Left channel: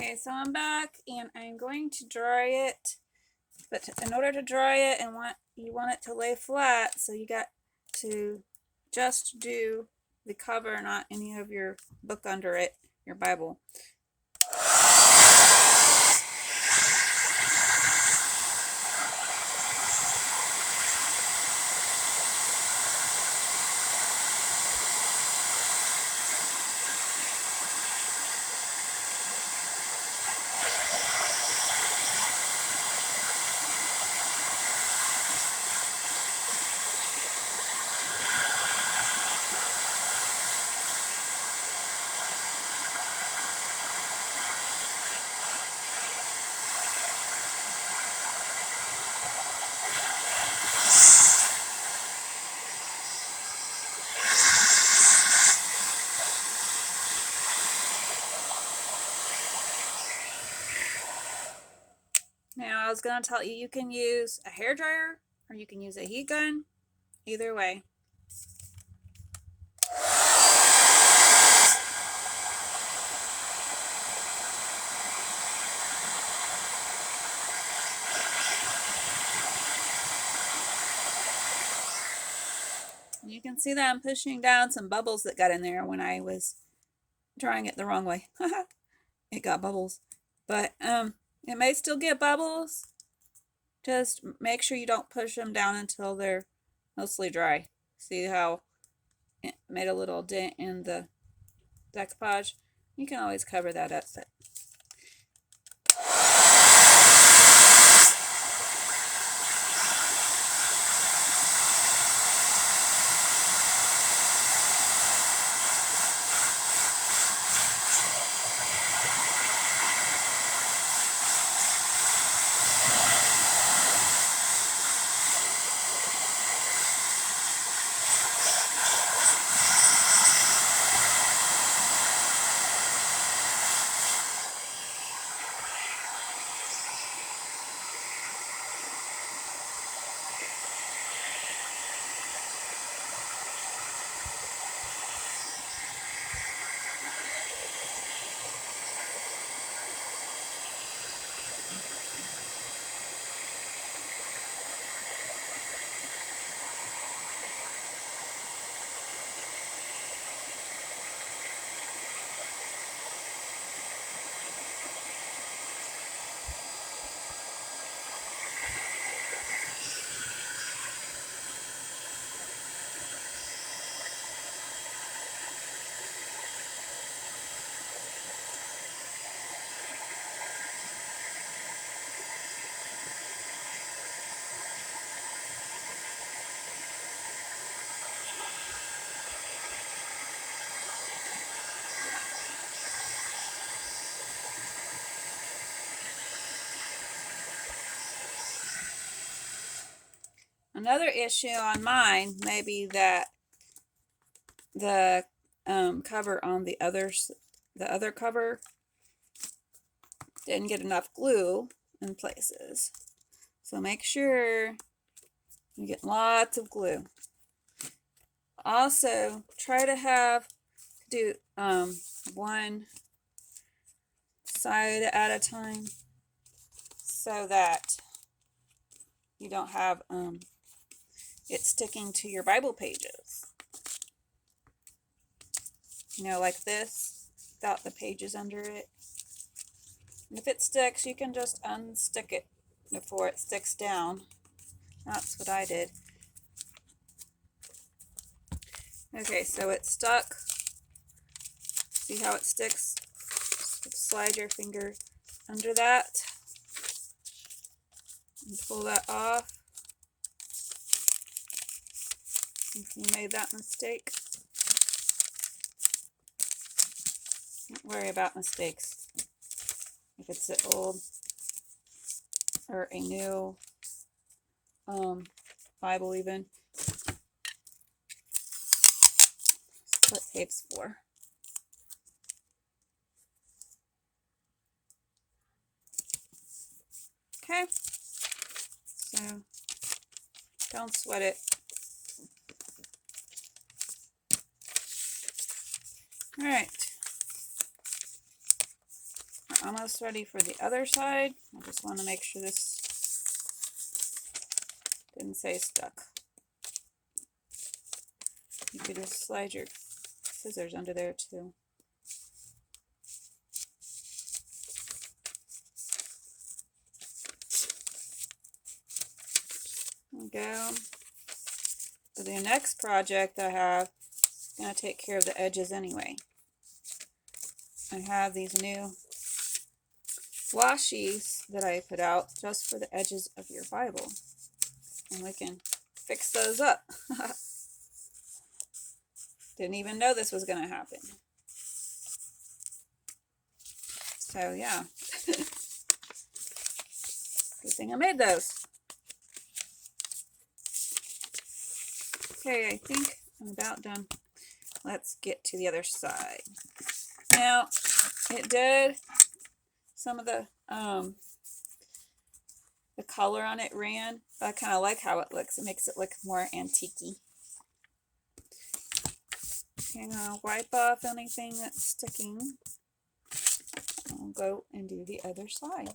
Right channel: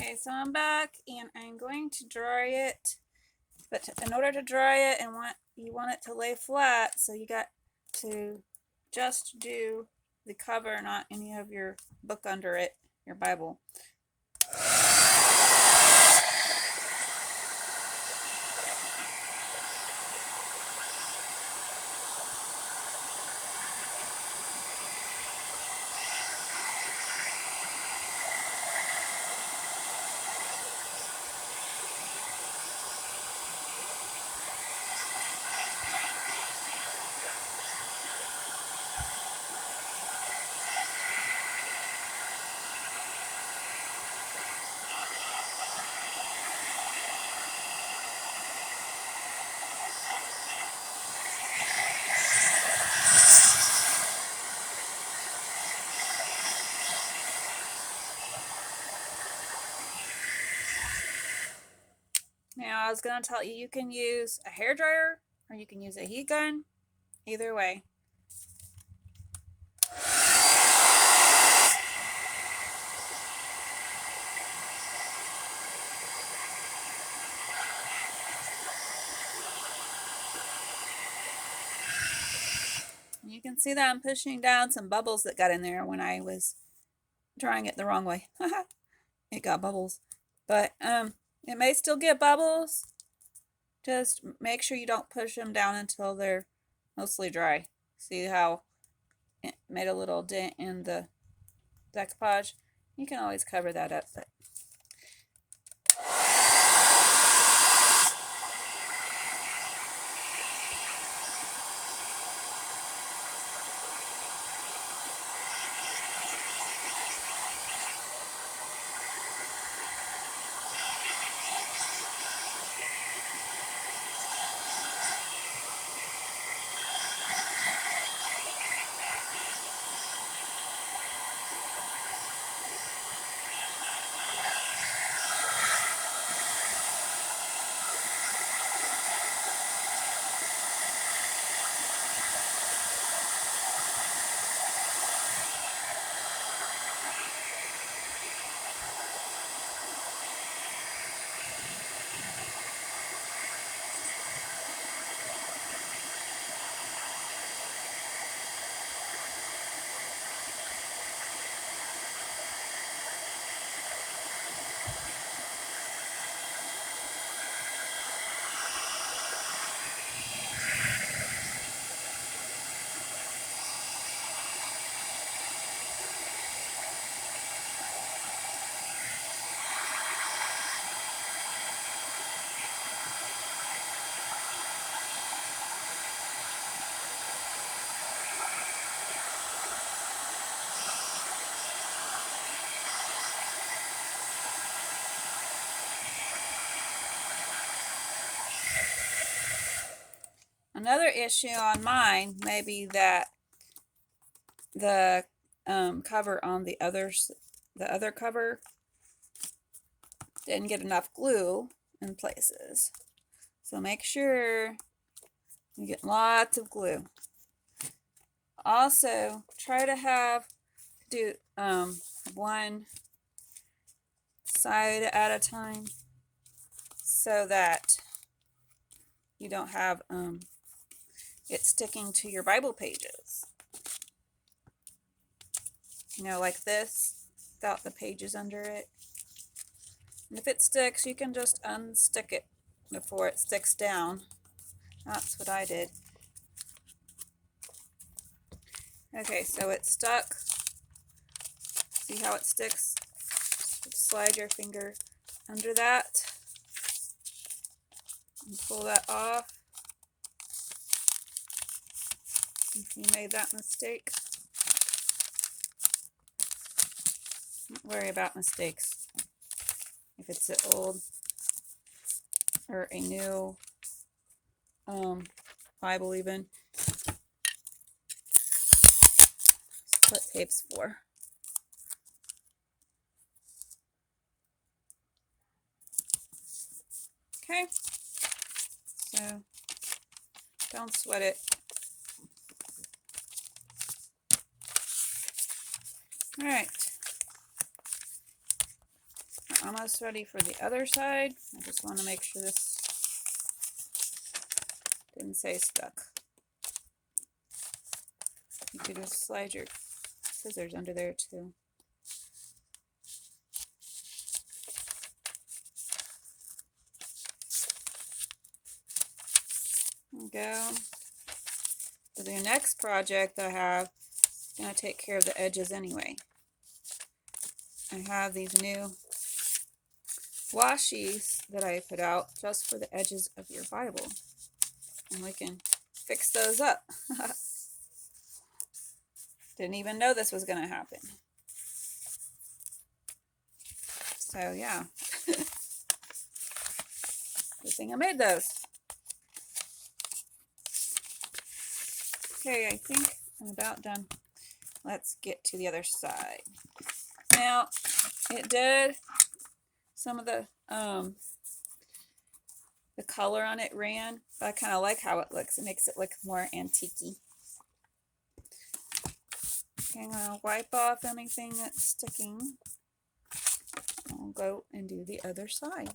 Okay, so I'm back and I'm going to dry it. But in order to dry it and you want it to lay flat, so you got to just do the cover, not any of your book under it, your Bible. Now I was going to tell you, you can use a hair dryer or you can use a heat gun, either way. You can see that I'm pushing down some bubbles that got in there when I was drying it the wrong way. It got bubbles. But it may still get bubbles. Just make sure you don't push them down until they're mostly dry. See how it made a little dent in the decoupage? You can always cover that up, but another issue on mine may be that the cover on the other cover didn't get enough glue in places. So make sure you get lots of glue. Also, try to do one side at a time so that you don't have it sticking to your Bible pages. Like this, without the pages under it. And if it sticks, you can just unstick it before it sticks down. That's what I did. Okay, so it's stuck. See how it sticks? Just slide your finger under that and pull that off. If you made that mistake, don't worry about mistakes. If it's an old or a new Bible even. That's what tape's for. Okay, so don't sweat it. All right, we're almost ready for the other side. I just want to make sure this didn't say stuck. You could just slide your scissors under there too. There we go. For the next project I have, it's going to take care of the edges anyway. I have these new washies that I put out just for the edges of your Bible. And we can fix those up. Didn't even know this was going to happen. So yeah. Good thing I made those. Okay, I think I'm about done. Let's get to the other side. Now, it did, some of the color on it ran, but I kind of like how it looks. It makes it look more antique-y. Okay, I'm going to wipe off anything that's sticking. I'll go and do the other side.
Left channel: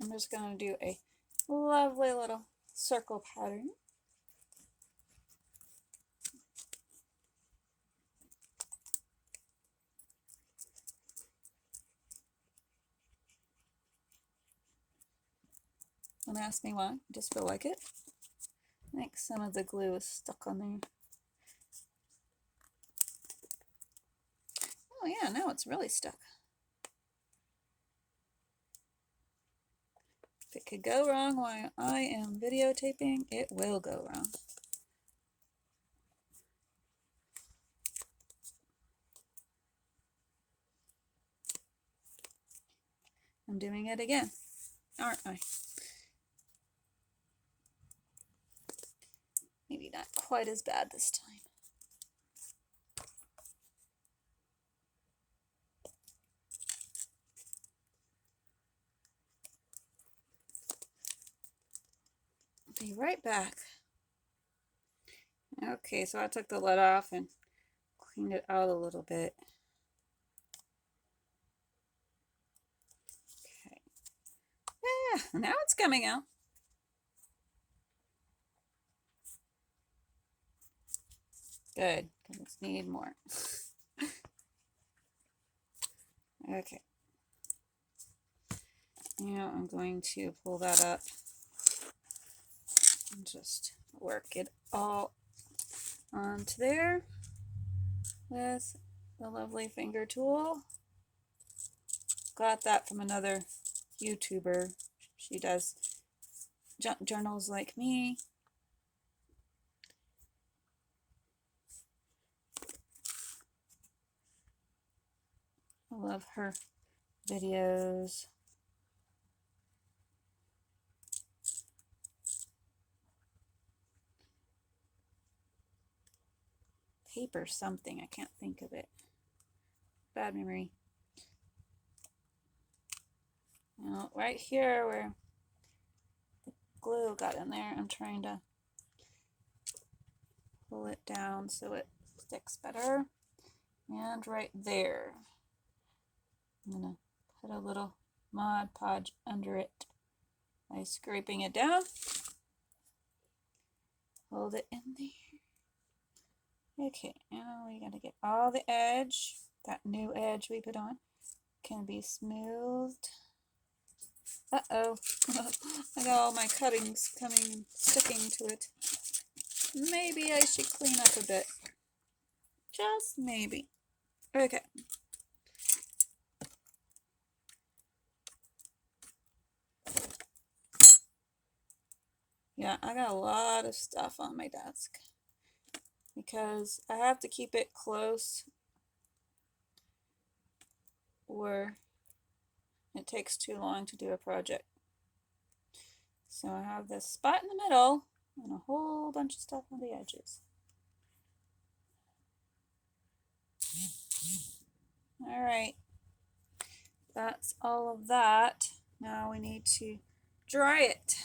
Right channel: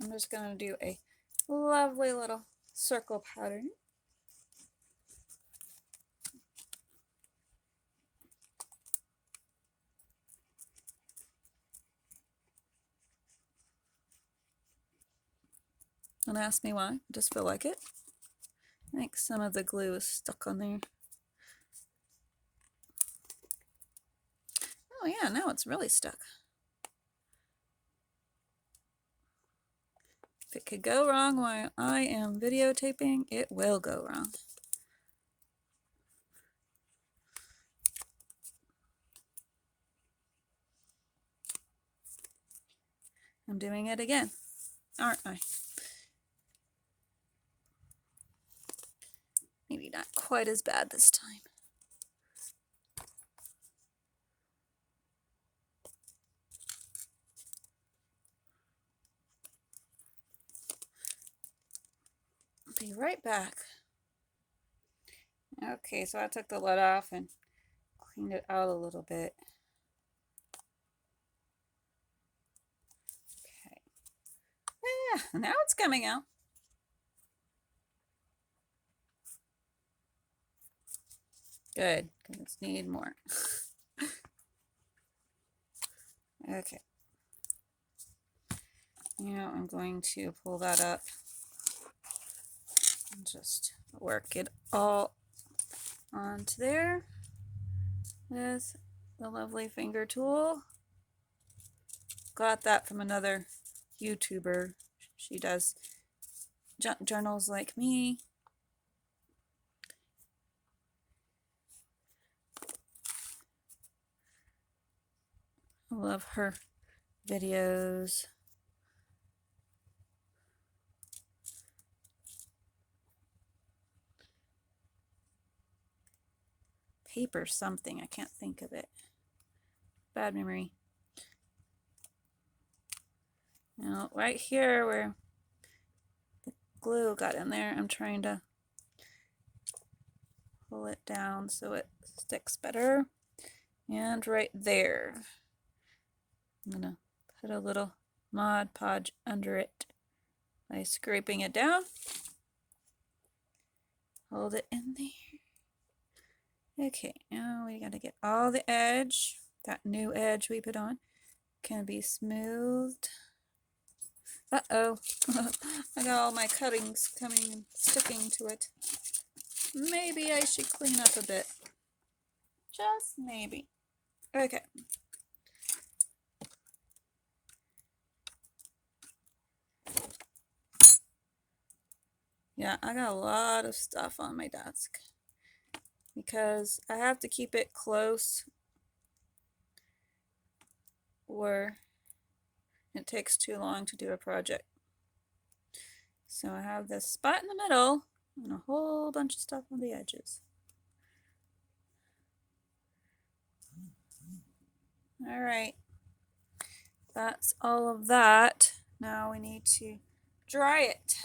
I'm just going to do a lovely little circle pattern. Don't ask me why, I just feel like it. I think some of the glue is stuck on there. Oh yeah, now it's really stuck. If it could go wrong while I am videotaping, it will go wrong. I'm doing it again, aren't I? Maybe not quite as bad this time. Be right back. Okay, so I took the lid off and cleaned it out a little bit. Okay. Yeah, now it's coming out. Good, because I need more. Okay. Now I'm going to pull that up and just work it all onto there with the lovely finger tool. Got that from another YouTuber. She does junk journals like me. I love her videos. Paper something, I can't think of it. Bad memory. Now, right here where the glue got in there, I'm trying to pull it down so it sticks better. And right there, I'm gonna put a little Mod Podge under it by scraping it down. Hold it in there. Okay, now we gotta get all the edge, that new edge we put on, can be smoothed. Uh-oh, I got all my cuttings coming and sticking to it. Maybe I should clean up a bit. Just maybe. Okay. Yeah, I got a lot of stuff on my desk because I have to keep it close or it takes too long to do a project. So I have this spot in the middle and a whole bunch of stuff on the edges. All right, that's all of that. Now we need to dry it.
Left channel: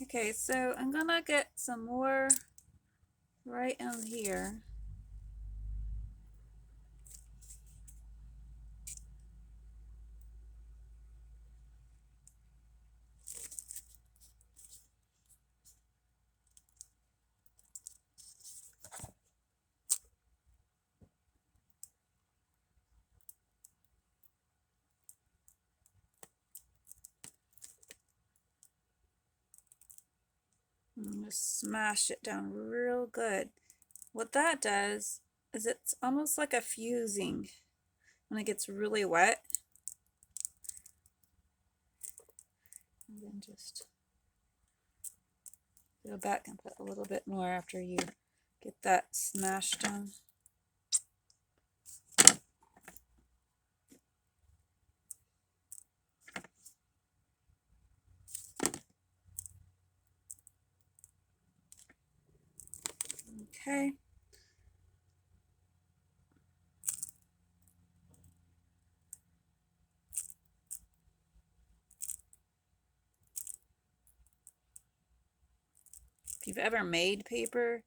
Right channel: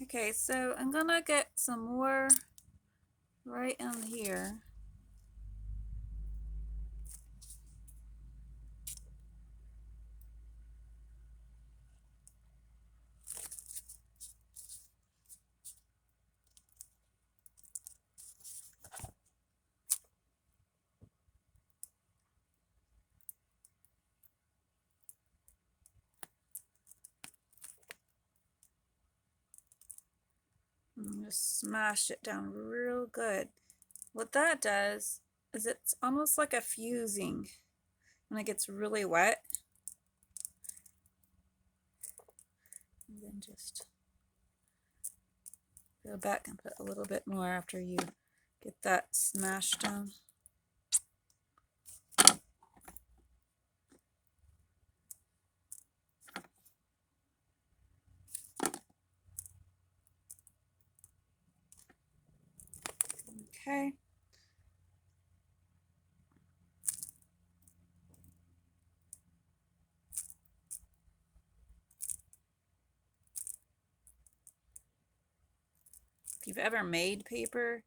Okay, so I'm gonna get some more right in here. And just smash it down real good. What that does is it's almost like a fusing when it gets really wet. And then just go back and put a little bit more after you get that smashed down. Okay. If you've ever made paper,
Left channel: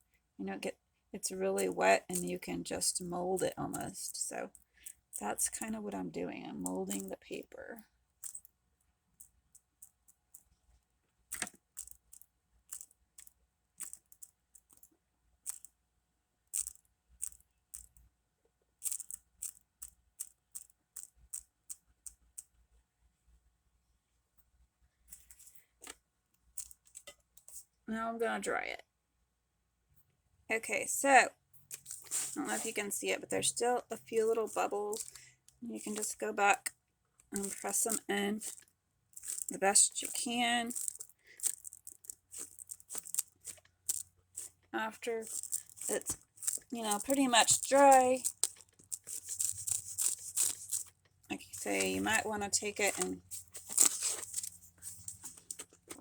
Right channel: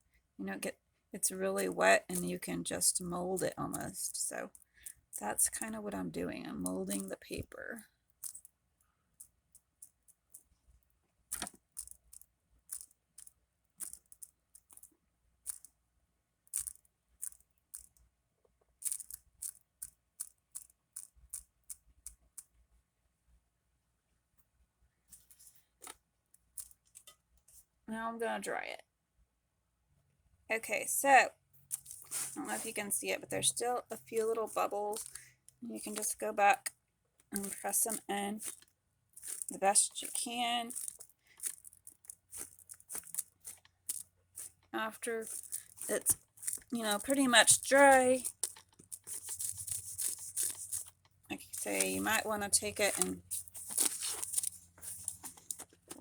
it's really wet and you can just mold it almost. So that's kind of what I'm doing. I'm molding the paper. Now I'm gonna dry it. Okay, so I don't know if you can see it, but there's still a few little bubbles. You can just go back and press them in the best you can. After it's, pretty much dry, like you say, you might want to take it and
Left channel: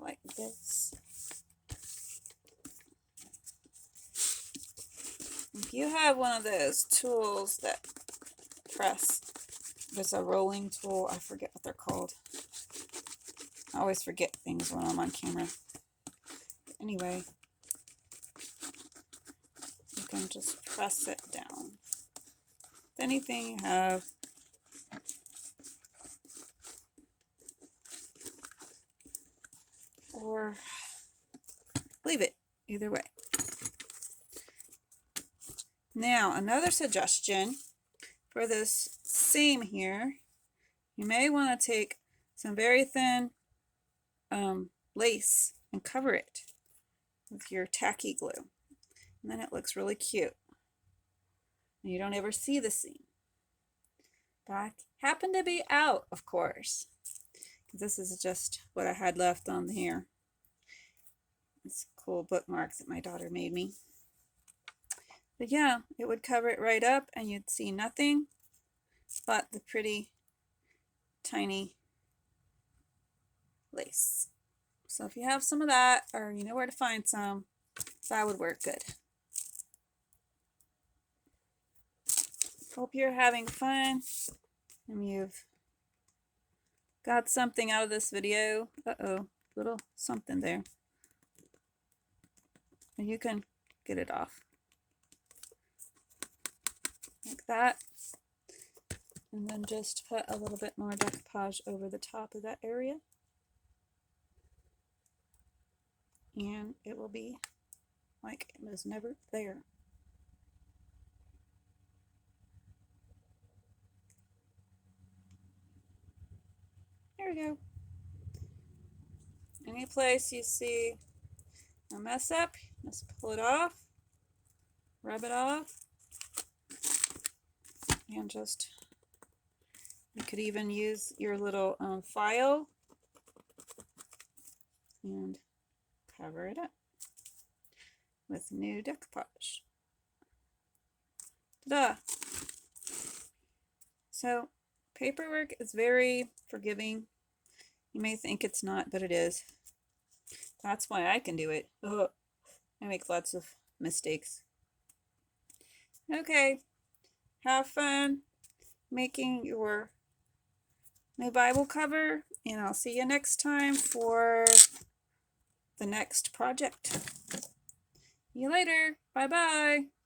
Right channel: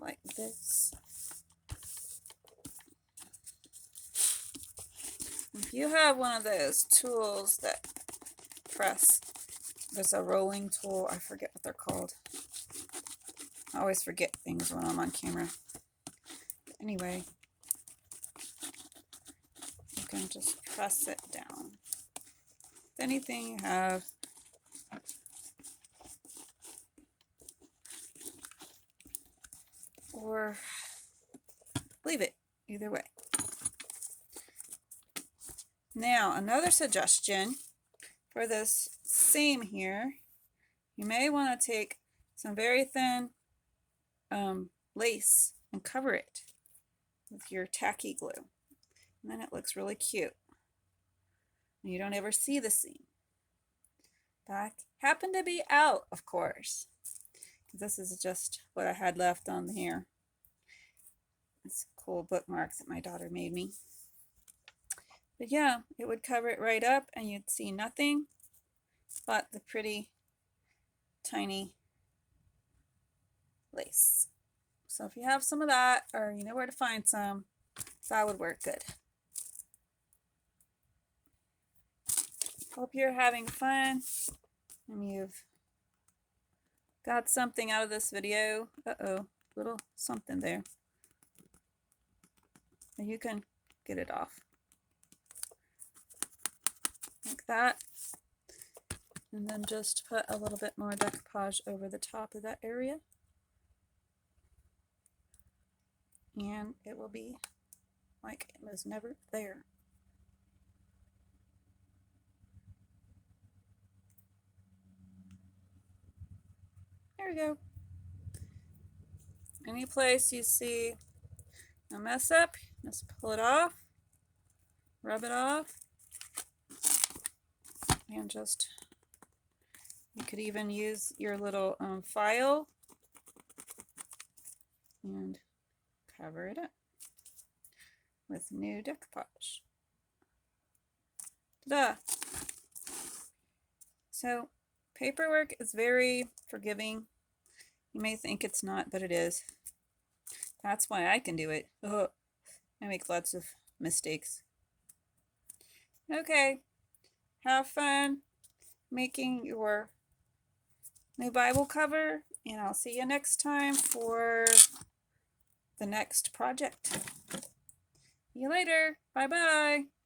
like this. If you have one of those tools that press, there's a rolling tool, I forget what they're called. I always forget things when I'm on camera. But anyway, you can just press it down. Anything you have. Or leave it, either way. Now, another suggestion for this seam here, you may want to take some very thin lace and cover it with your tacky glue. And then it looks really cute. And you don't ever see the seam. But I happen to be out, of course. This is just what I had left on here. It's a cool bookmark that my daughter made me. But yeah, it would cover it right up and you'd see nothing but the pretty tiny lace. So if you have some of that, or you know where to find some, that would work good. Hope you're having fun and you've got something out of this video. Uh-oh, little something there. And you can get it off. Like that. And then just put a little bit more decoupage over the top of that area. and it will be like it was never there. There we go. Any place you see a mess up, just pull it off, rub it off, and just, you could even use your little file and cover it up with new decoupage. Ta-da! So paperwork is very forgiving. You may think it's not, but it is. That's why I can do it. Ugh. I make lots of mistakes. Okay, have fun making your new Bible cover, and I'll see you next time for the next project. See you later. Bye-bye.